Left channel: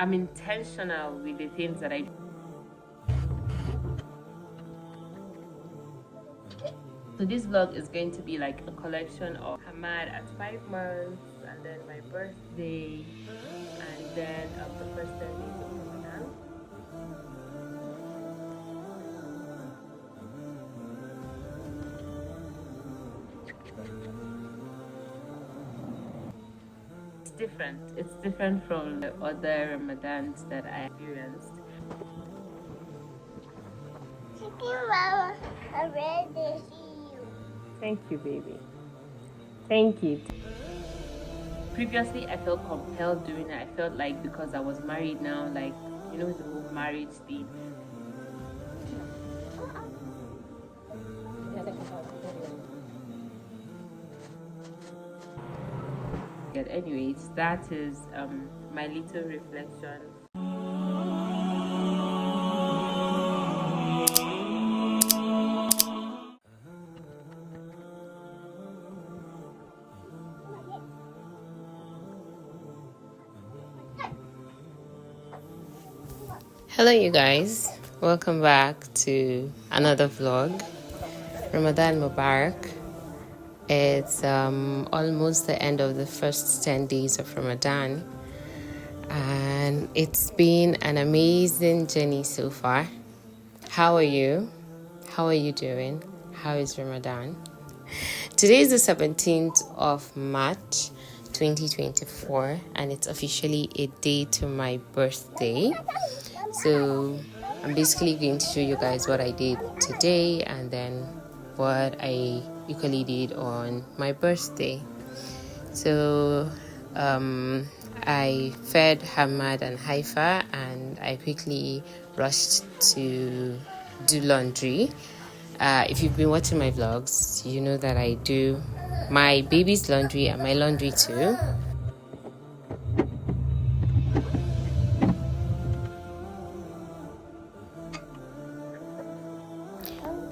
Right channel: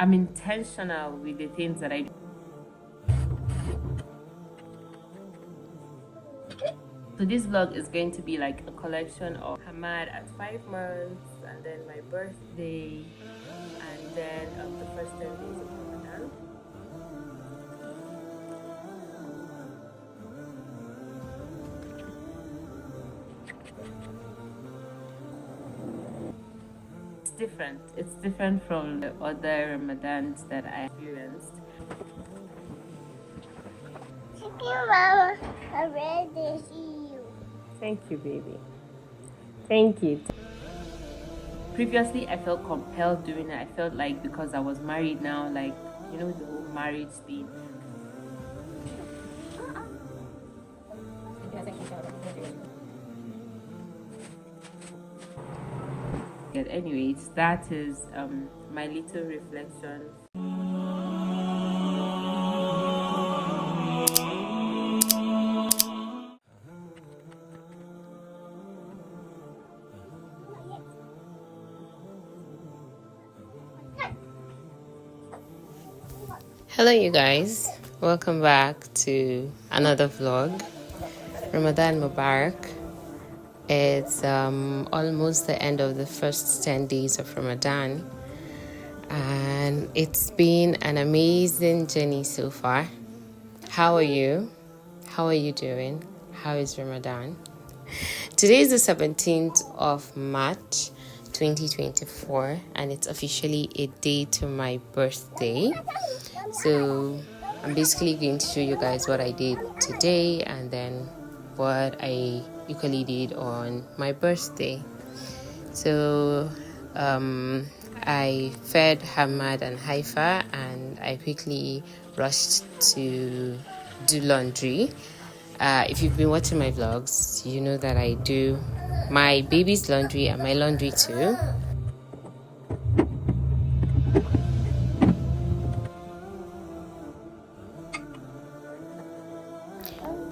I'm intentional with the things that I do. So this vlog is going to be like a collection of Hamad at 5 months, and then my birthday, and then the first 10 days of Ramadan. It's different from the other Ramadans that I experienced. Thank you, Mama. I'm ready to see you. Thank you, baby. Thank you. Previously, I felt compelled doing it. I felt like because I was married now, like, you know, the whole marriage thing. But anyways, that is my little reflection. Hello you guys, welcome back to another vlog. Ramadan Mubarak. It's almost the end of the first 10 days of Ramadan, and it's been an amazing journey so far. How are you? How are you doing? How is Ramadan? Today is the 17th of March 2024, and it's officially a day to my birthday. So I'm basically going to show you guys what I did today and then what I usually did on my birthday. So I fed Hamad and Haifa, and I quickly rushed to do laundry. If you've been watching my vlogs, you know that I do my baby's laundry and my laundry too.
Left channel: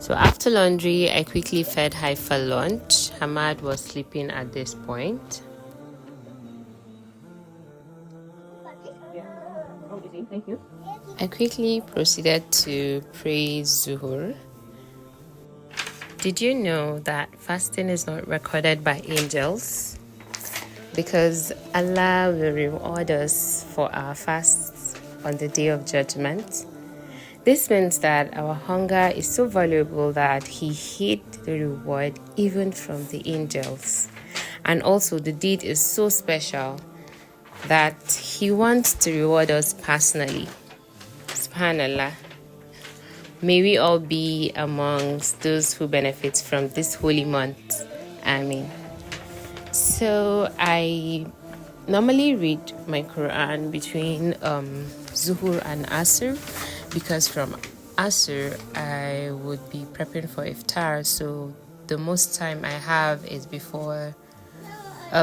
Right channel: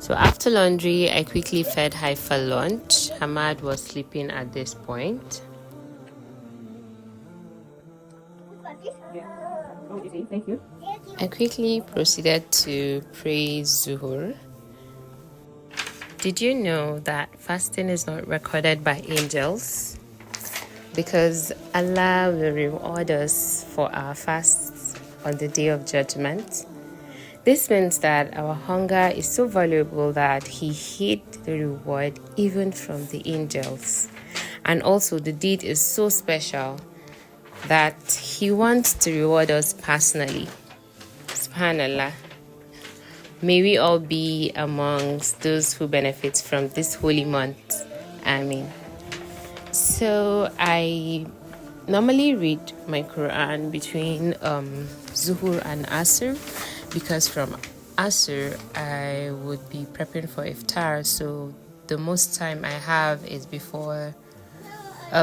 So after laundry, I quickly fed Haifa lunch. Hamad was sleeping at this point. I quickly proceeded to pray Zuhur. Did you know that fasting is not recorded by angels? Because Allah will reward us for our fasts on the day of judgment. This means that our hunger is so valuable that He hid the reward even from the angels. And also the deed is so special that He wants to reward us personally. SubhanAllah. May we all be amongst those who benefit from this holy month. Ameen. So I normally read my Quran between Zuhur and Asr, because from Asr I would be prepping for Iftar, so the most time I have is before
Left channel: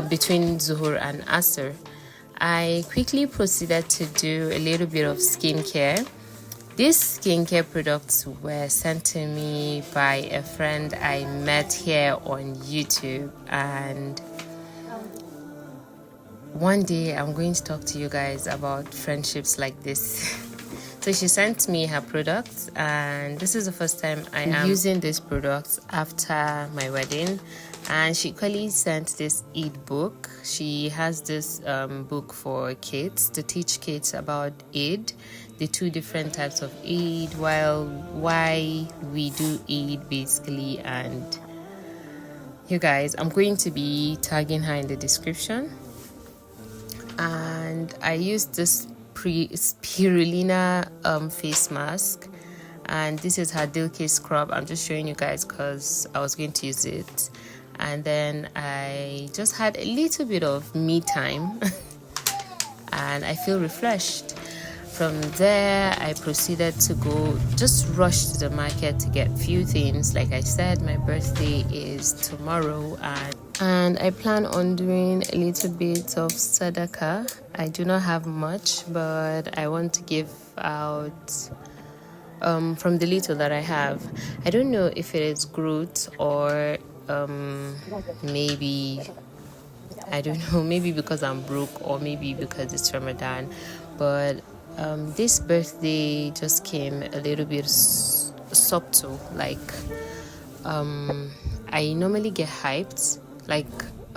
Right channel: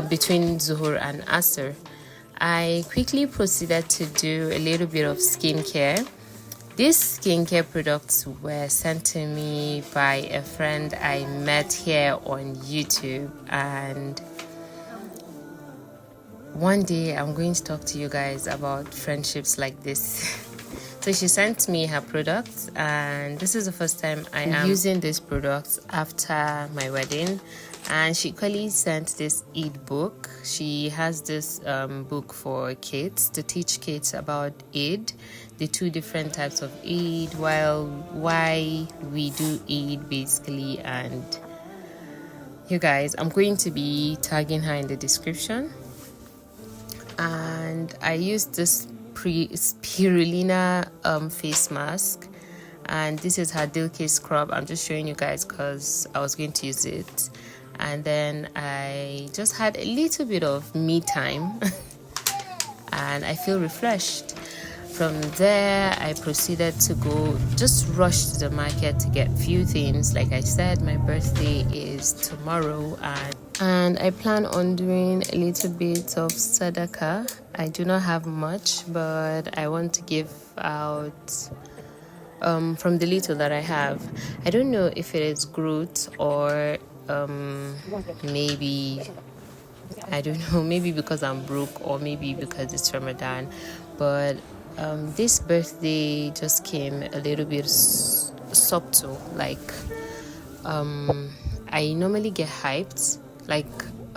between Zuhur and Asr. I quickly proceeded to do a little bit of skincare. These skincare products were sent to me by a friend I met here on YouTube, and one day I'm going to talk to you guys about friendships like this. So she sent me her products, and this is the first time I am using these products after my wedding. And she equally sent this Eid book. She has this book for kids to teach kids about Eid, the two different types of Eid, why we do Eid basically. And you guys, I'm going to be tagging her in the description. And I used this spirulina face mask, and this is her Dilke scrub. I'm just showing you guys because I was going to use it. And then I just had a little bit of me time and I feel refreshed. From there I proceeded to just rush to the market to get few things. Like I said, my birthday is tomorrow, and I plan on doing a little bit of Sadaqa. I do not have much, but I want to give out from the little that I have. I don't know if it is growth or maybe, I don't know, maybe because I'm broke or maybe because it's Ramadan, but this birthday just came a little bit subtle. Like, I normally get hyped. Like,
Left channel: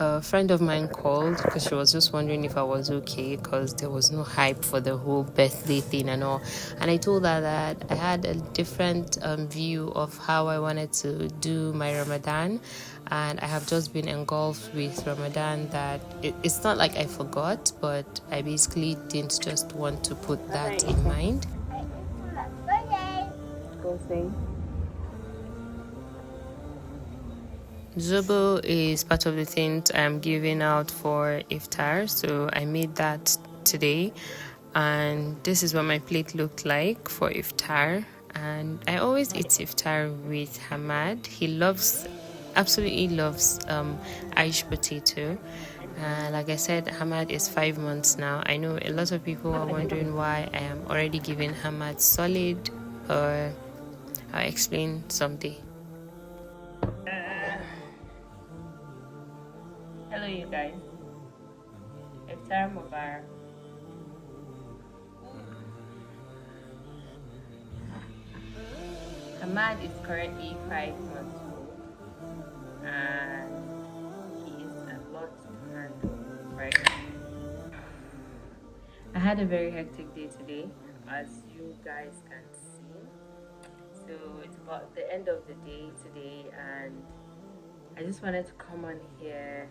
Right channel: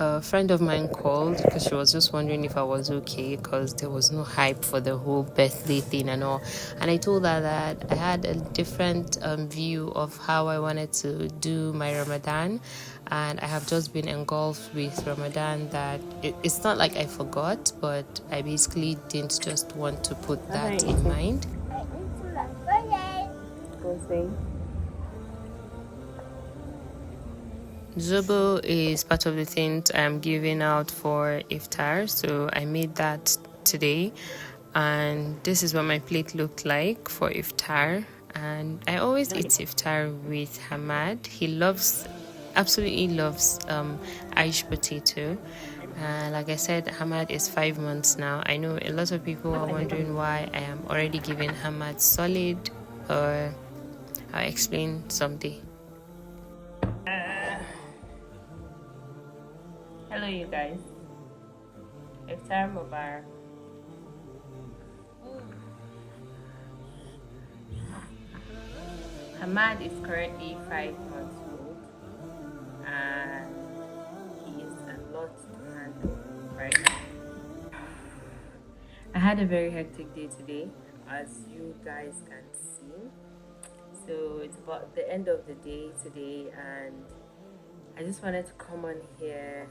a friend of mine called because she was just wondering if I was okay because there was no hype for the whole birthday thing and all. And I told her that I had a different view of how I wanted to do my Ramadan, and I have just been engulfed with Ramadan that it's not like I forgot, but I basically didn't just want to put that in mind. Zobo is part of the things I'm giving out for Iftar, so I made that today, and this is what my plate looked like for Iftar. And I always eat Iftar with Hamad. He absolutely loves Irish potato. Like I said, Hamad is 5 months now. I know a lot of people are wondering why I am already giving Hamad solid, or I'll explain someday. Hello, you guys. Iftar Mubarak. Ahmad is currently 5 months old, and he is a lot to handle right now. I had a very hectic day today, as you guys can see. So it's about the end of the day today, and I just wanted to come on here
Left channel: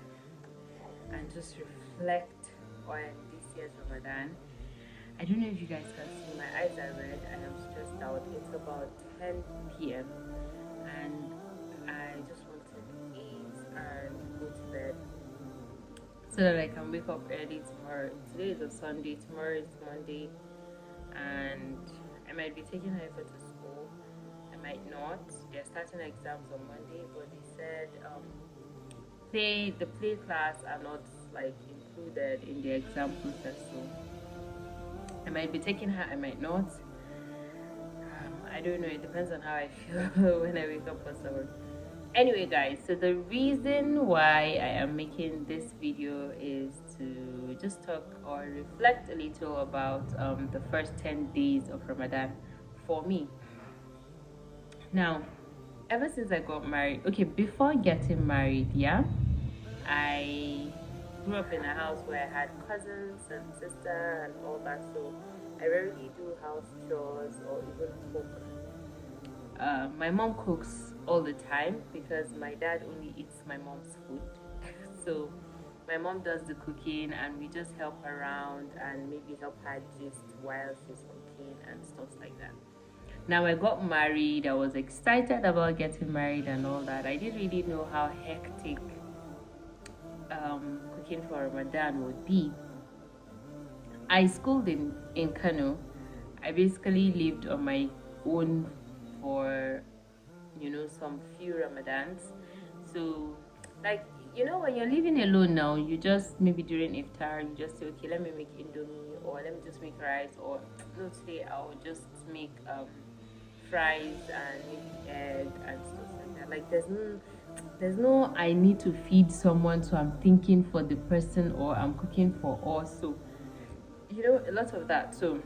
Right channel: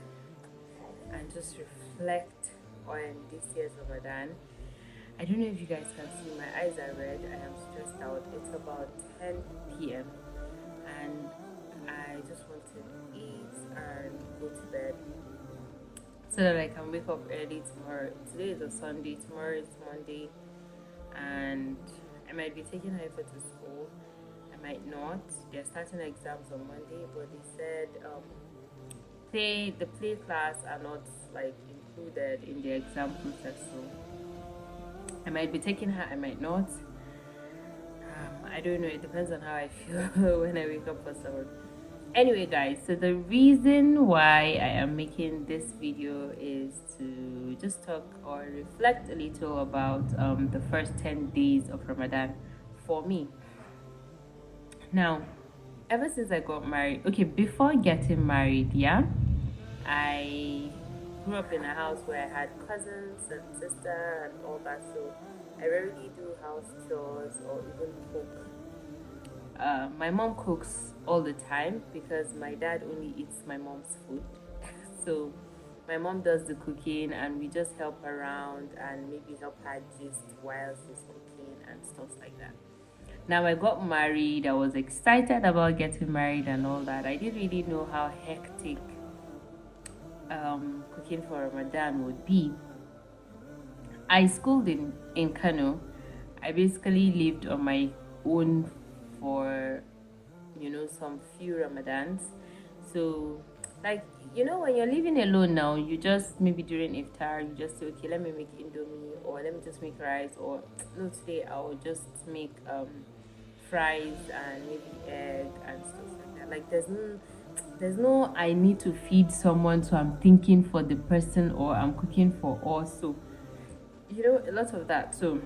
and just reflect on this year's Ramadan. I don't know if you guys can see, my eyes are red. I am stressed out. It's about 10 p.m. and I just want to eat and go to bed so that I can wake up early tomorrow. Today is a Sunday, tomorrow is Monday, and I might be taking Haifa to school. I might not. They're starting exams on Monday, but they said the play class are not like included in the exam process, so I might be taking her, I might not. I don't know, it depends on how I feel when I wake up for summer. Anyway, guys, so the reason why I am making this video is to just talk or reflect a little about the first 10 days of Ramadan for me. Now, ever since I got married, okay, before getting married, yeah, I grew up in a house where I had cousins and sister and all that, so I rarely do house chores or even cook. My mom cooks all the time because my dad only eats my mom's food. So my mom does the cooking and we just help around and maybe help her gist while she's cooking and stuff like that. Now I got married, I was excited about getting married and all that. I didn't really know how hectic cooking for Ramadan would be. I schooled in Kano. I basically lived on my own for some few Ramadans. So like when you're living alone now, you just maybe during Iftar you just say, okay, let me make indomie, or let me just make rice, or no, today I'll just make fries and maybe egg and stuff like that. Like there's no I need to feed someone, so I'm thinking for the person or I'm cooking for us. So a lot of that. So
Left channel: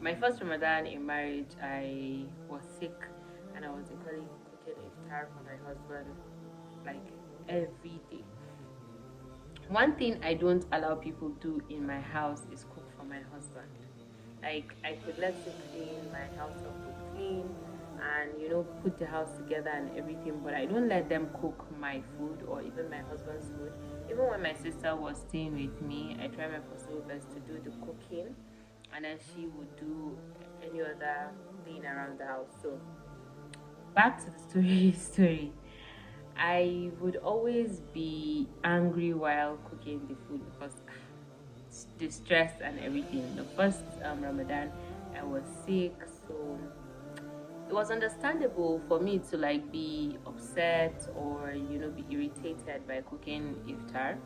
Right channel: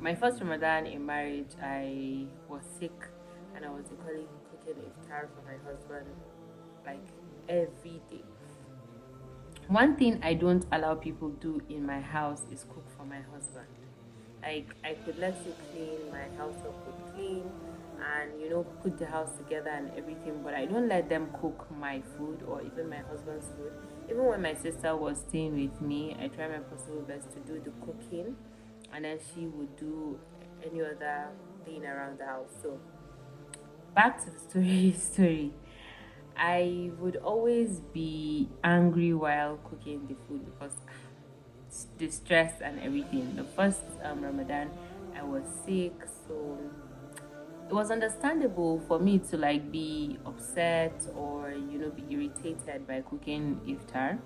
my first Ramadan in marriage, I was sick and I was equally cooking iftar for my husband like every day. One thing I don't allow people do in my house is cook for my husband. Like I could let you clean my house up with clean and put the house together and everything, but I don't let them cook my food or even my husband's food. Even when my sister was staying with me, I tried my possible best to do the cooking, and then she would do any other thing around the house. So back to the story. I would always be angry while cooking the food because the stress and everything. The first Ramadan, I was sick, so it was understandable for me to like be upset or be irritated by cooking iftar.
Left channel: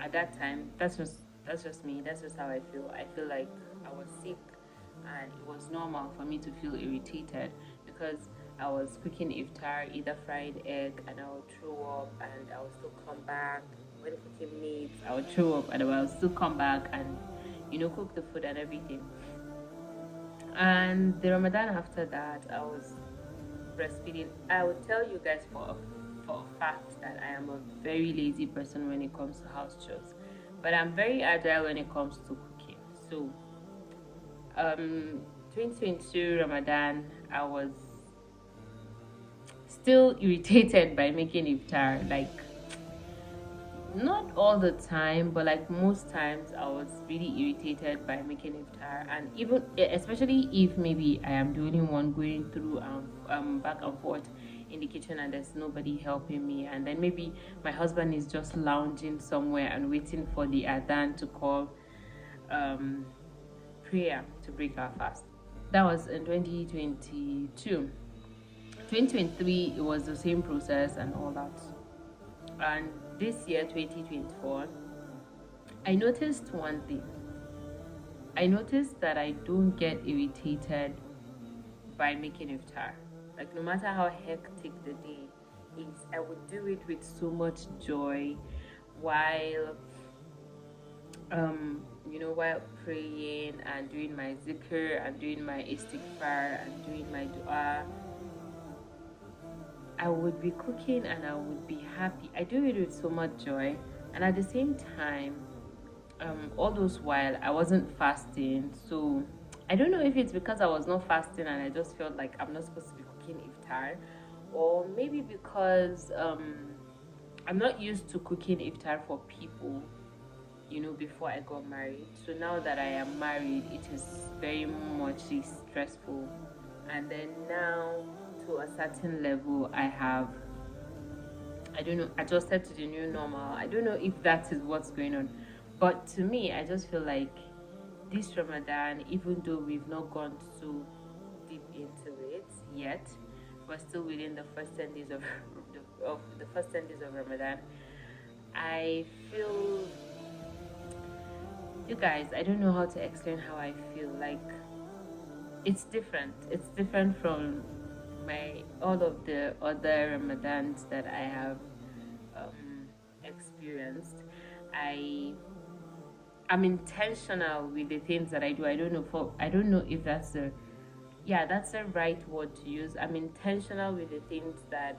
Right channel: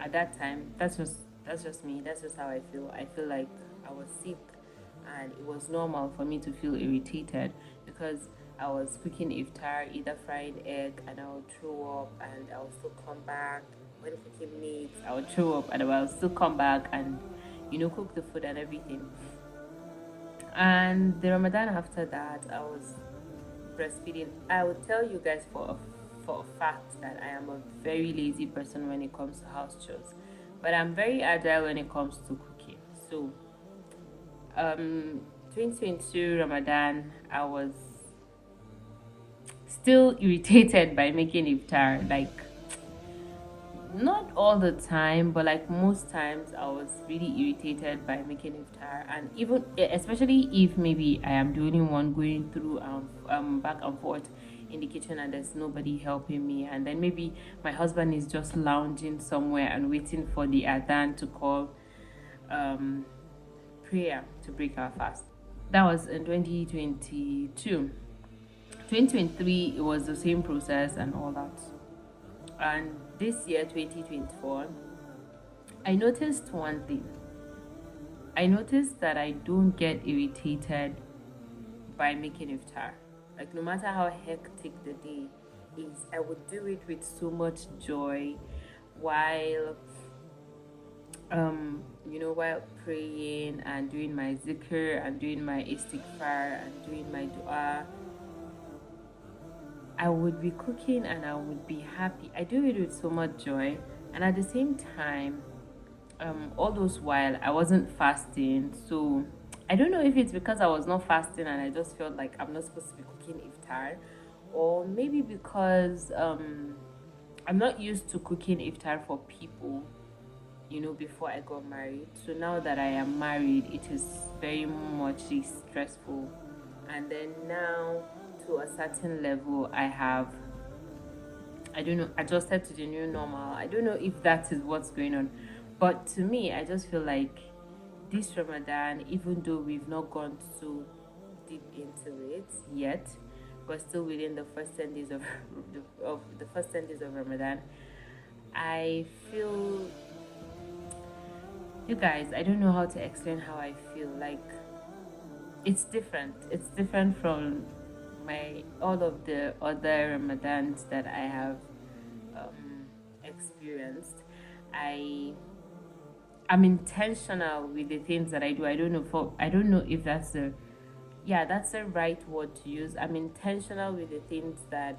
At that time, that's just me. That's just how I feel. I feel like I was sick, and it was normal for me to feel irritated because I was cooking iftar, either fried egg, and I would throw up, and I would still come back. When cooking meat, I would throw up, and I would still come back, and cook the food and everything. And the Ramadan after that, I was breastfeeding. I would tell you guys for a fact that I am a very lazy person when it comes to house chores, but I'm very agile when it comes to cooking. So 2022 Ramadan, I was still irritated by making iftar. Like, not all the time, but like most times I was really irritated by making iftar. And even especially if maybe I am the only one going through back and forth in the kitchen and there's nobody helping me, and then maybe my husband is just lounging somewhere and waiting for the adhan to call prayer to break our fast. That was in 2022. 2023, it was the same process and all that. And this year, 2024, I noticed one thing. I noticed that I don't get irritated by making iftar. Like, no matter how hectic the day is, I would do it with so much joy while while praying and doing my zikr and doing my istighfar and doing my dua. I would be cooking and I would be happy. I do it with so much joy, and at the same time, all those while I wasn't fasting. So I don't know if it's because I was not fasting and I just felt like I'm not supposed to be cooking iftar, or maybe because I'm not used to cooking iftar for people, before I got married. So now that I am married, it is very much stressful. And then now, to a certain level, I don't know, adjusted to the new normal. I don't know if that is what's going on, but to me, I just feel like this Ramadan, even though we've not gone so deep into it yet, we're still within the first 10 days of the first 10 days of Ramadan. I feel, you guys, I don't know how to explain how I feel. Like, it's different. It's different from all of the other Ramadans that I have experienced. I'm intentional with the things that I do. I don't know if that's the right word to use. I'm intentional with the things that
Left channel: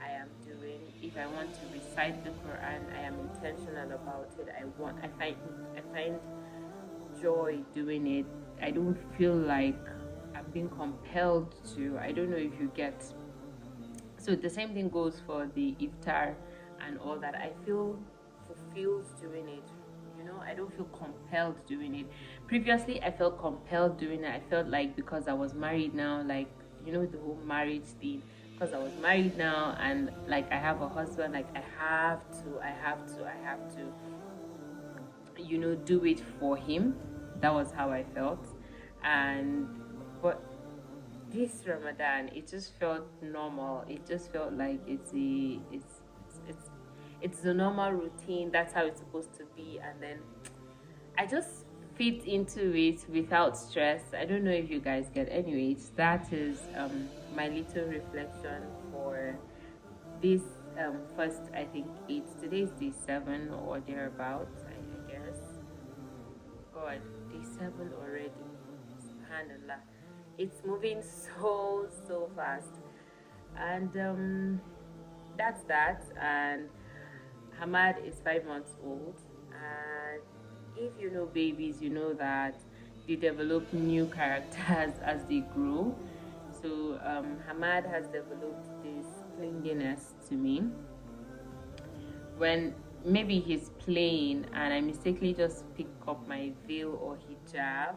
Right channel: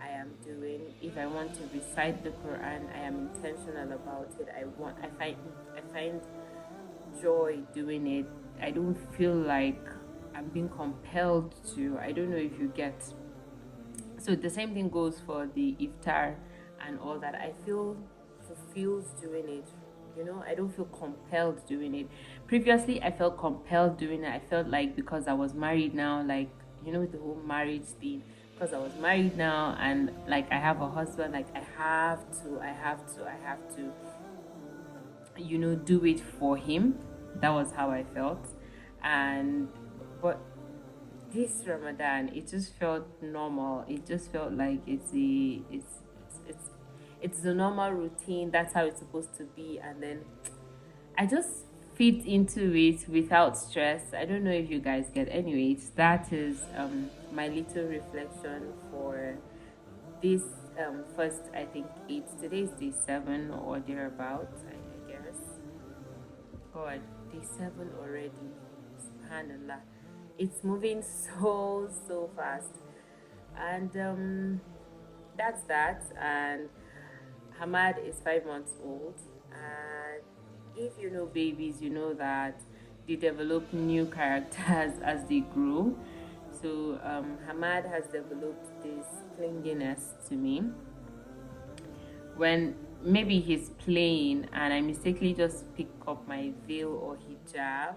I am doing. If I want to recite the Quran, I am intentional about it. I find joy doing it. I don't feel like I'm being compelled to. I don't know if you get. So the same thing goes for the iftar and all that. I feel fulfilled doing it. I don't feel compelled doing it. Previously, I felt compelled doing it. I felt like because I was married now, like, the whole marriage thing. Because I was married now and like I have a husband, like I have to, do it for him. That was how I felt. But this Ramadan, it just felt normal. It just felt like it's the normal routine. That's how it's supposed to be, and then I just fit into it without stress. I don't know if you guys get. Anyways, that is my little reflection for this first, I think today's day 7 or thereabouts, I guess. God, day 7 already. Subhanallah. It's moving so fast. And that's that. And Hamad is 5 months old, and if you know babies, you know that they develop new characters as they grow. So Hamad has developed this clinginess to me. When maybe he's playing and I mistakenly just pick up my veil or hijab,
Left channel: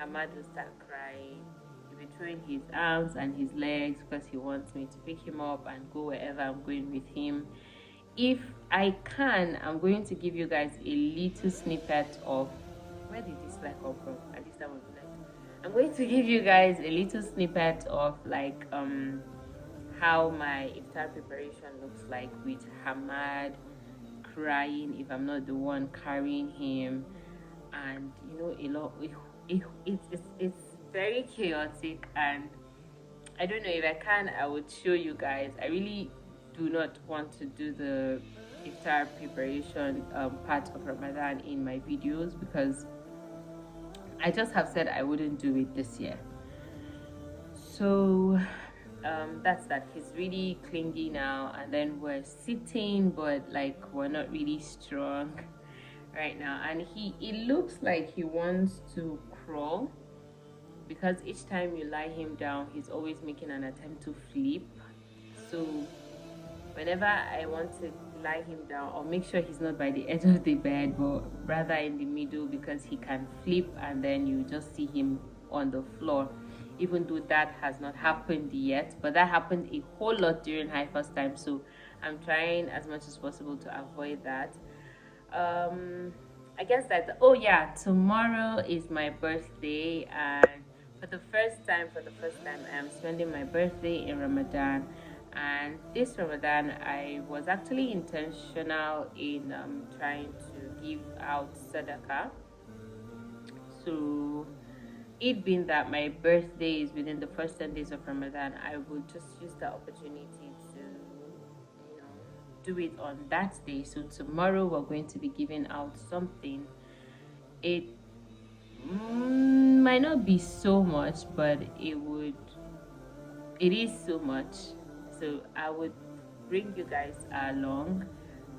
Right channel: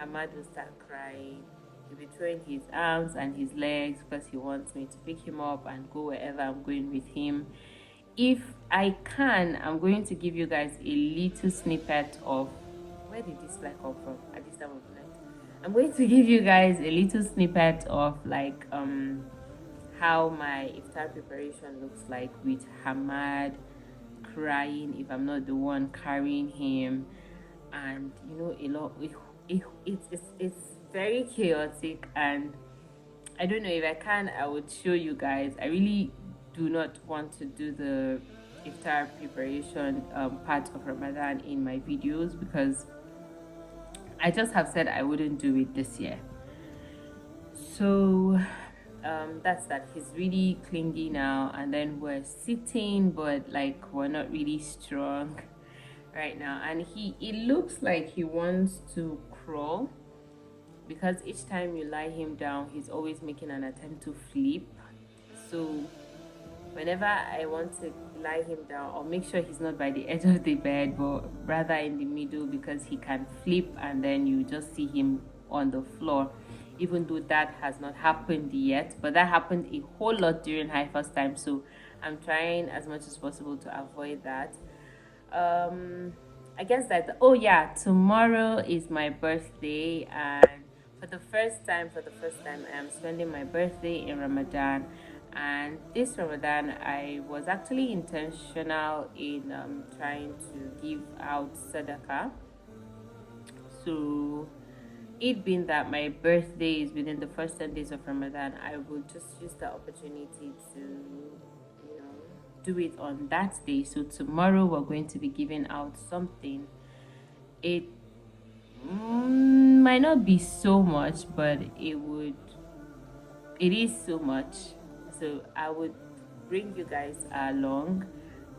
Hamad will start crying. He'll be throwing his arms and his legs because he wants me to pick him up and go wherever I'm going with him. If I can, I'm going to give you guys a little snippet of where did this fly come from at this time of the night. I'm going to give you guys a little snippet of like how my iftar preparation looks like with Hamad crying if I'm not the one carrying him, and a lot. It's very chaotic, and I don't know if I can. I would show you guys. I really do not want to do the iftar preparation part of Ramadan in my videos because I just have said I wouldn't do it this year. So that's that. He's really clingy now, and then we're sitting, but like we're not really strong right now. And it looks like he wants to crawl, because each time you lie him down, he's always making an attempt to flip. So whenever I want to lie him down, I'll make sure he's not by the edge of the bed, but rather in the middle, because he can flip and then you just see him on the floor. Even though that has not happened yet, but that happened a whole lot during high first time, so I'm trying as much as possible to avoid that. I guess that, oh yeah, tomorrow is my birthday, and for the first time I'm spending my birthday in Ramadan. And this Ramadan I was actually intentional in trying to give out Sadaqa. So it being that my birthday is within the first 10 days of Ramadan, I would just use the opportunity to, you know, do it on that day. So tomorrow we're going to be giving out something. It might not be so much, but it is so much. So I would bring you guys along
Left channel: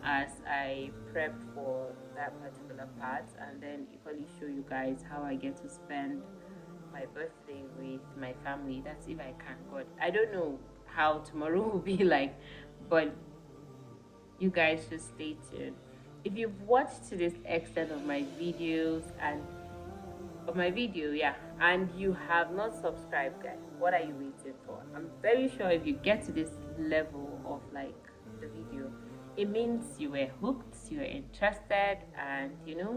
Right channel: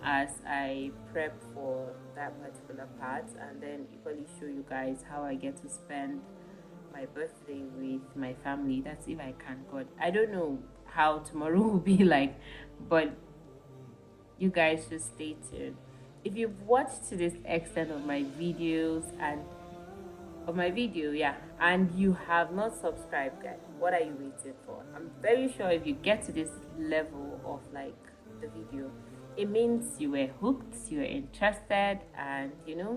as I prep for that particular part, and then equally show you guys how I get to spend my birthday with my family. That's if I can, but I don't know how tomorrow will be like. But you guys just stay tuned. If you've watched to this extent of my videos and and you have not subscribed, guys, what are you waiting for? I'm very sure if you get to this level of like the video, it means you were hooked, you were interested, and you know,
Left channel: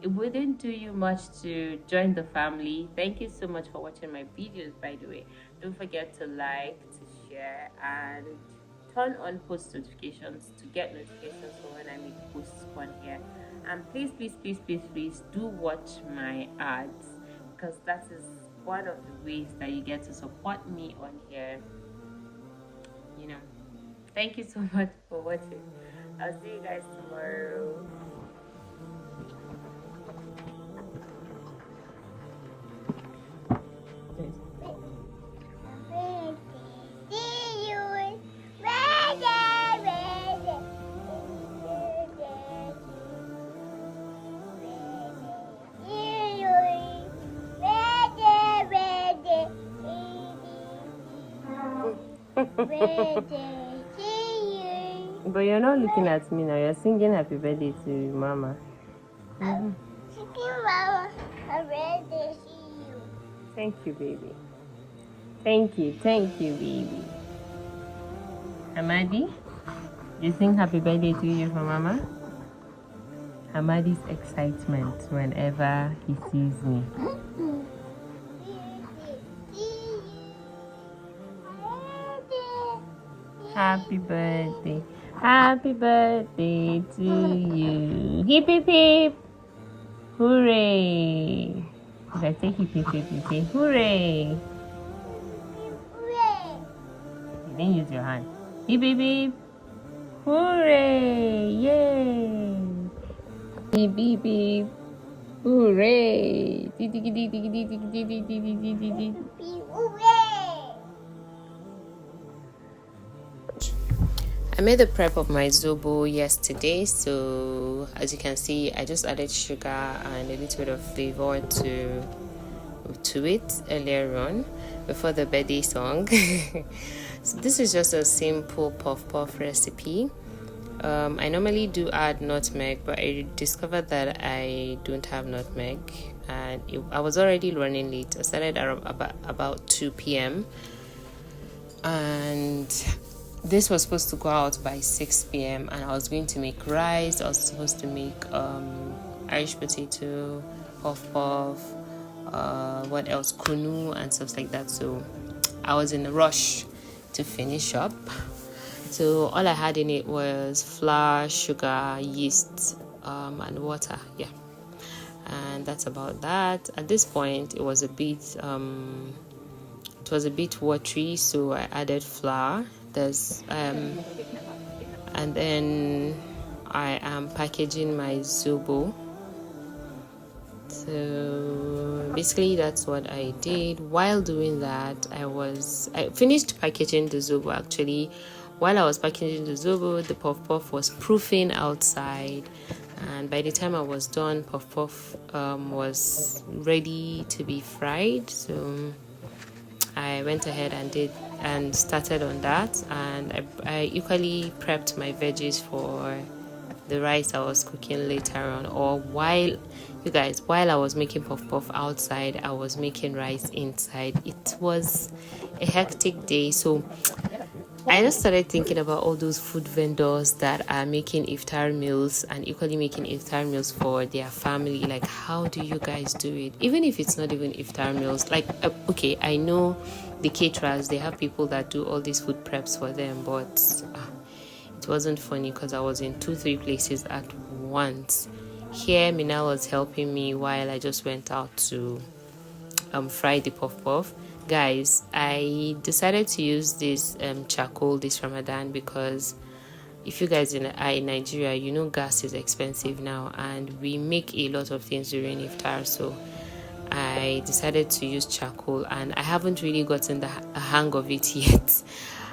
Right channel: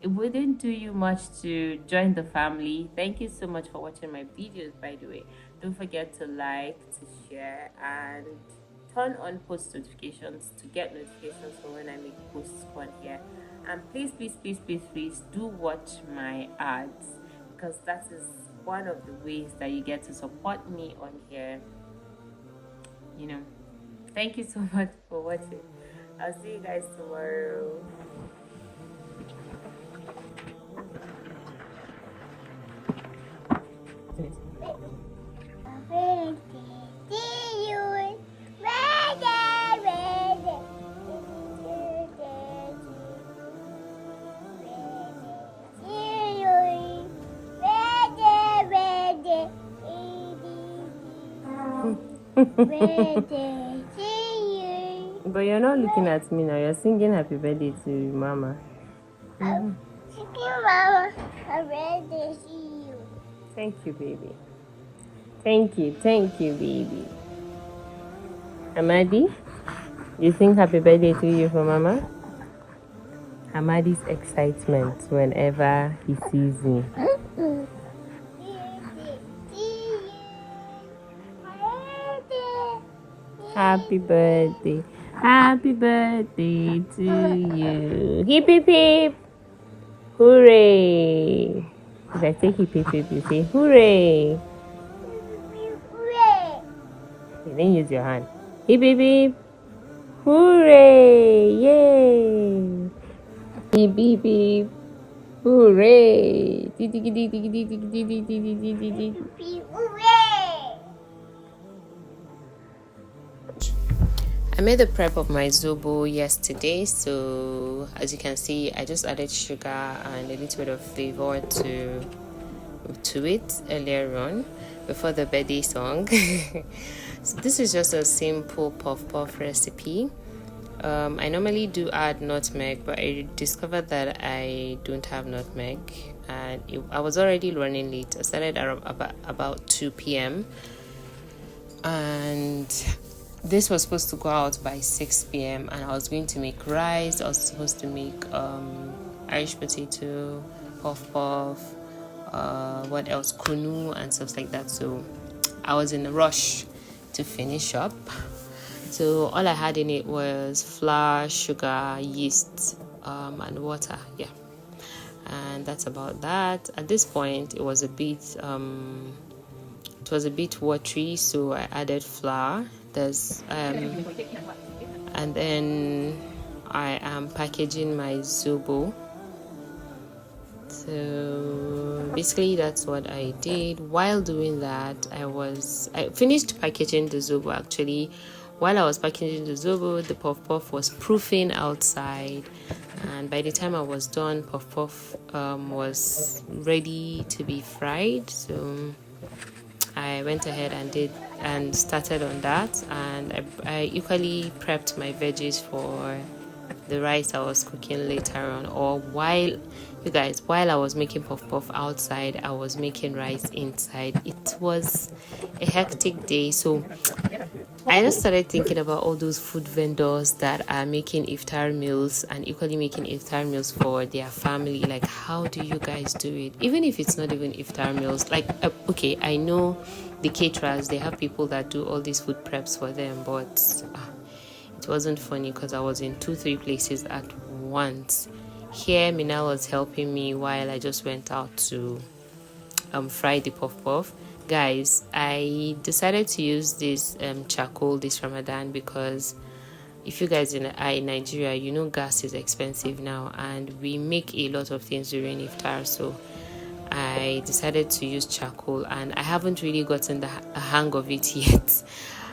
it wouldn't do you much to join the family. Thank you so much for watching my videos, by the way. Don't forget to like, to share, and turn on post notifications to get notifications for when I make posts on here. And please do watch my ads, because that is one of the ways that you get to support me on here, you know. Thank you so much for watching. I'll see you guys tomorrow. But you're not looking at me now, you're singing happy birthday to Mama. I'm singing Mama, happy birthday to you. Thank you, baby. Thank you, baby. Amadi, you sing happy birthday to you for Mama? Amadi's excitement whenever he sees me. Happy birthday. Happy birthday to you. Hip hip hip. Hooray. If I say hip hip hip, you say hooray. Hooray. Then use your hand. Hip hip hip. Hooray. Yay. Hip hip hip. Hooray. I made the prep of my zobo yesterday, so as you can see, I just added sugar and a little bit of flavor to it earlier on before the birthday song. So this is just a simple puff recipe. I normally do add nutmeg, but I discovered that I don't have nutmeg, and I was already running late. I started about 2 p.m. and this was supposed to go out by 6 p.m. and I was going to make rice. I was supposed to make Irish potato, puff, what else, kunu and stuff like that. So I was in a rush to finish up. So all I had in it was flour, sugar, yeast, and water. Yeah, and that's about that. At this point, it was a bit watery, so I added flour. And then I am packaging my zobo. So basically that's what I did. While doing that, I finished packaging the zobo. Actually, while I was packaging the zobo, the puff puff was proofing outside, and by the time I was done, puff puff was ready to be fried. So I went ahead and started on that, and I equally prepped my veggies for the rice I was cooking later on. Or while I was making puff puff outside, I was making rice inside. It was a hectic day, so I just started thinking about all those food vendors that are making iftar meals and equally making iftar meals for their family. Like, how do you guys do it? Even if it's not even iftar meals, like, okay, I know the caterers, they have people that do all these food preps for them, but it wasn't funny because I was in 2-3 places at once. Here, Mina was helping me while I just went out to fry the puff puff. Guys, I decided to use this charcoal this Ramadan because if you guys in Nigeria, you know gas is expensive now, and we make a lot of things during iftar. So I decided to use charcoal, and I haven't really gotten the hang of it yet.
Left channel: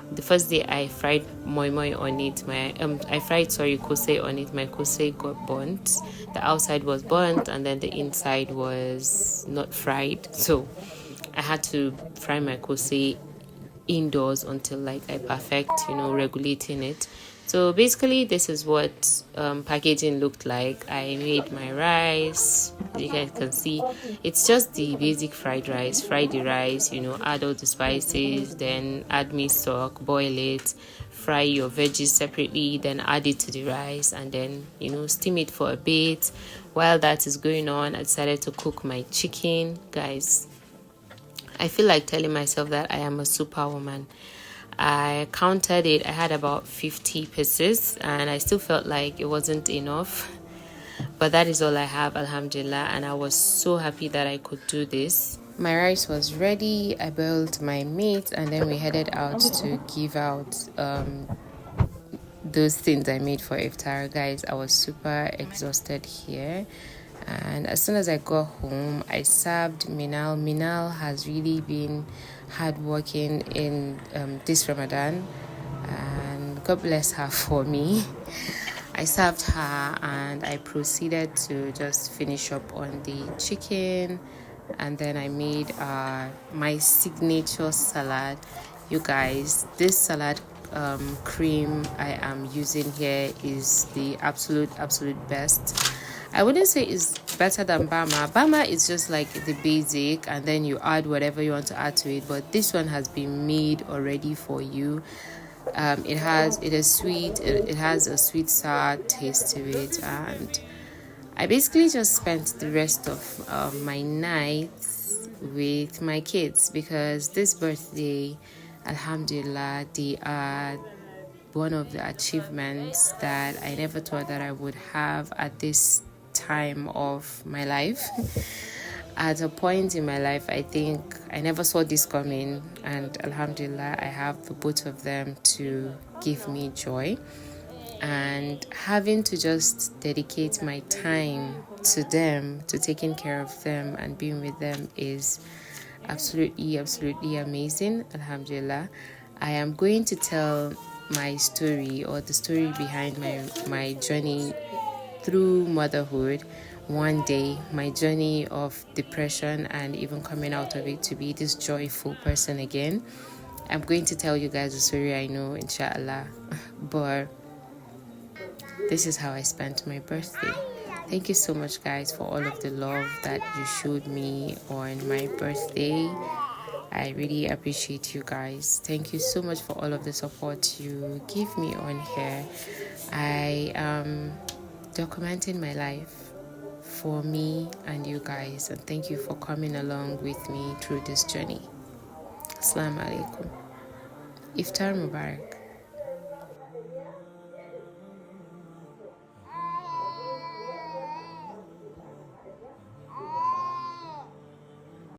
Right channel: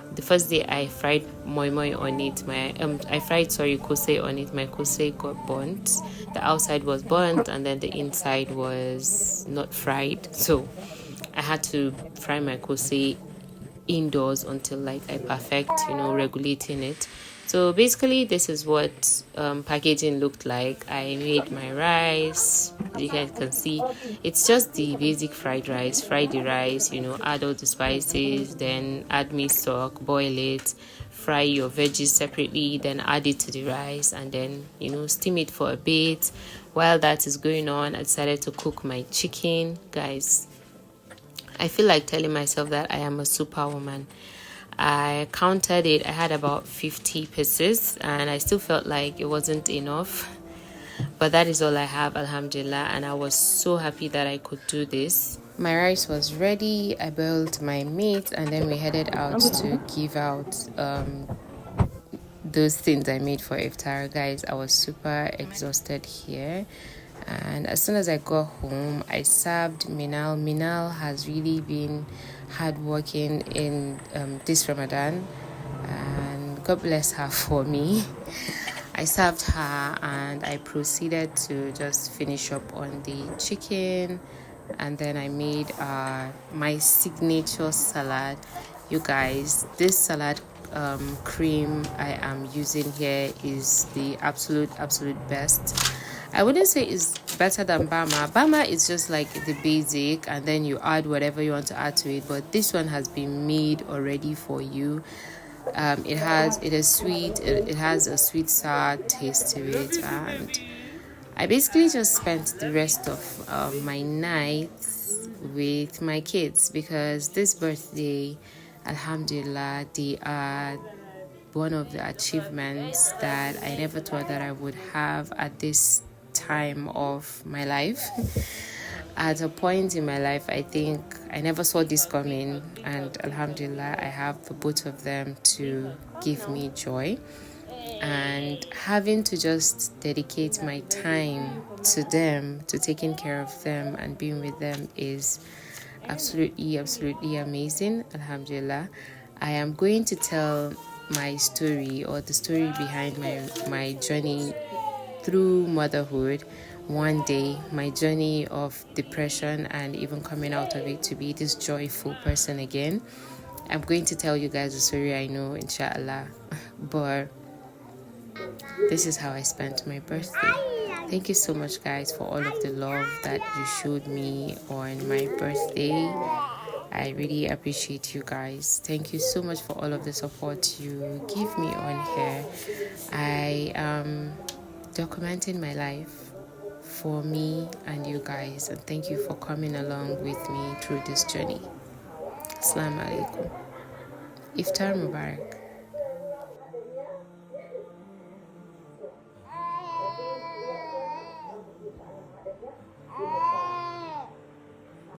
The first day I fried moi moi on it, I fried kose on it. My kose got burnt. The outside was burnt, and then the inside was not fried. So I had to fry my kose indoors until like I perfect, regulating it. So basically, this is what packaging looked like. I made my rice. You guys can see it's just the basic fried rice. Fry the rice, add all the spices, then add meat stock, boil it, fry your veggies separately, then add it to the rice, and then steam it for a bit. While that is going on, I decided to cook my chicken. Guys, I feel like telling myself that I am a superwoman. I counted it. I had about 50 pieces, and I still felt like it wasn't enough. But that is all I have, Alhamdulillah, and I was so happy that I could do this. My rice was ready. I boiled my meat, and then we headed out to give out those things I made for iftar. Guys, I was super exhausted here. And as soon as I got home, I served Minal. Minal has really been hardworking in this Ramadan, and God bless her for me. I served her, and I proceeded to just finish up on the chicken, and then I made my signature salad. You guys, this salad cream I am using here is the absolute best. I wouldn't say it's better than Bama. Bama is just like the basic, and then you add whatever you want to add to it. But this one has been made already for you. It is sweet. It has a sweet sour taste to it, and I basically just spent the rest of my nights with my kids because this birthday, Alhamdulillah, they are one of the achievements that I never thought that I would have at this time of my life. At a point in my life, I think I never saw this coming, and Alhamdulillah, I have the both of them to give me joy. And having to just dedicate my time to them, to taking care of them and being with them is absolutely amazing. Alhamdulillah. I am going to tell my story, or the story behind my journey through motherhood one day, my journey of depression and even coming out of it to be this joyful person again. I'm going to tell you guys the story, I know, inshallah, but this is how I spent my birthday. Thank you so much, guys, for all of the love that you showed me on my birthday. I really appreciate you guys. Thank you so much for all of the support you give me on here. I am documenting my life for me and you guys, and thank you for coming along with me through this journey. Assalamu alaikum. Iftar Mubarak.